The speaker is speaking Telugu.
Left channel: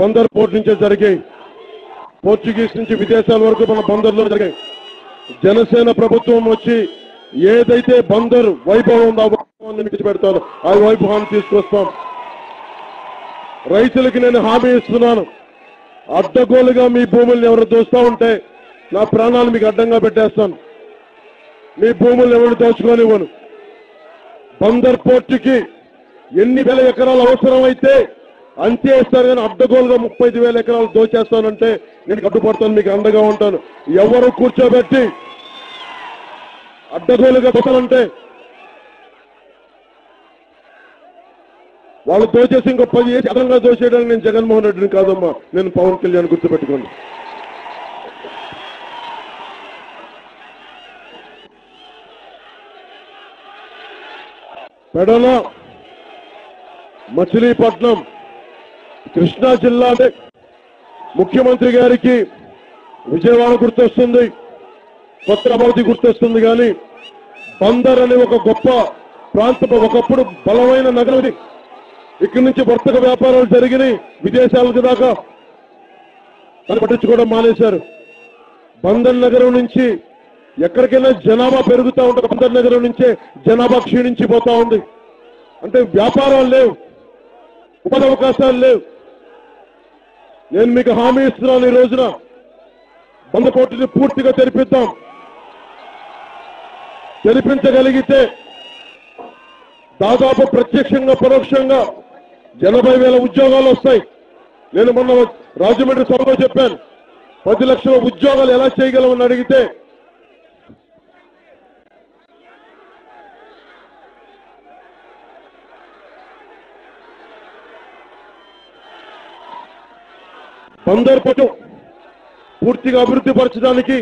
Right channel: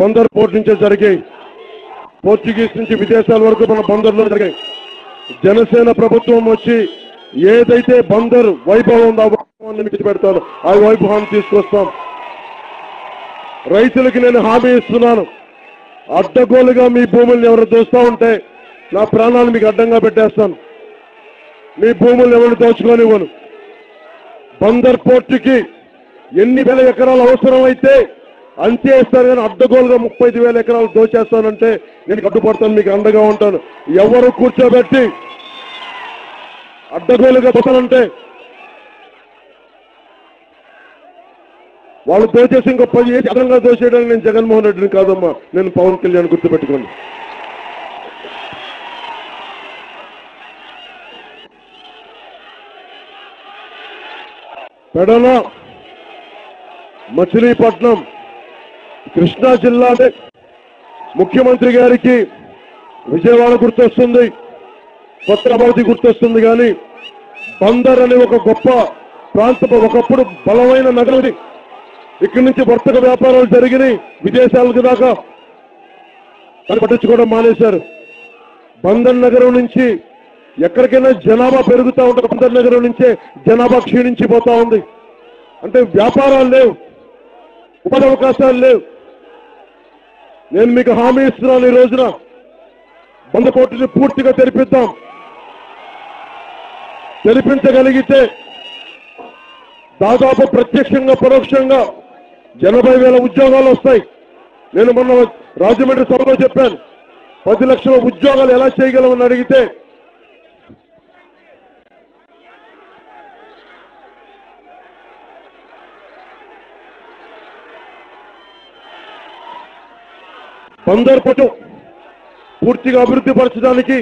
బందర్ పోర్ట్ నుంచే జరిగాయి. పోర్చుగీస్ నుంచి విదేశాల వరకు మన బందర్లో జరిగాయి. జనసేన ప్రభుత్వం వచ్చి ఏదైతే బందర్ వైభవం ఉందో ఆ వైభవాన్ని విడిచిపెడతాను, ఆ వైభవాన్ని తీసుకొస్తాం. రైతులకి నేను హామీ ఇస్తున్నాను, అడ్డగోలుగా మీ భూముల్ని ఎవరు దోస్తా ఉంటే నా ప్రాణాలు మీకు అడ్డంగా పెట్టేస్తాను. మీ భూములు ఎవరు దోచుకోనివ్వను. బందర్ పోర్టుకి ఎన్ని వేల ఎకరాలు అవసరం అయితే అంతే ఇస్తారు, కానీ అడ్డగోలుగా 35,000 ఎకరాలు దోచేస్తానంటే నేను కట్టుబడతాను, మీకు అండగా ఉంటాను. ఎవరు కూర్చోబెట్టి అడ్డగోలుగా బతలంటే వాళ్ళు దోచేసి ఇంకో 10 ఏళ్ళు అదనంగా దోచేయడానికి నేను జగన్మోహన్ రెడ్డిని కాదమ్మా, నేను పవన్ కళ్యాణ్ గుర్తుపెట్టుకోండి. పెడల, మచిలీపట్నం, కృష్ణా జిల్లా అంటే ముఖ్యమంత్రి గారికి విజయవాడ గుర్తొస్తుంది, కొత్త అమరావతి గుర్తొస్తుంది. కానీ బందర్ అనే ఒక గొప్ప ప్రాంతం, ఒకప్పుడు బలమైన నగరం. ఇక్కడి నుంచి వర్తక వ్యాపారాలు జరిగినాయి విదేశాలకు దాకా, అని పట్టించుకోవడం మానేశారు. బందర్ నగరం నుంచి ఎక్కడికైనా జనాభా పెరుగుతూ ఉంటుంది, బందర్ నగరం నుంచే జనాభా క్షీణించిపోతా ఉంది. అంటే వ్యాపారాలు లేవు, ఉపాధి అవకాశాలు లేవు. నేను మీకు హామీ ఇస్తున్నాను, ఈ రోజున బందర్ పోర్టుని పూర్తిగా తెరిపిద్దాం. తెరిపించగలిగితే దాదాపు ప్రత్యక్షంగా పరోక్షంగా 80,000 ఉద్యోగాలు వస్తాయి. నేను మొన్న రాజమండ్రి సభలో చెప్పాను, 10 లక్షల ఉద్యోగాలు ఎలా చేయగలమని అడిగితే బందర్ పోర్టు పూర్తిగా అభివృద్ధి పరచడానికి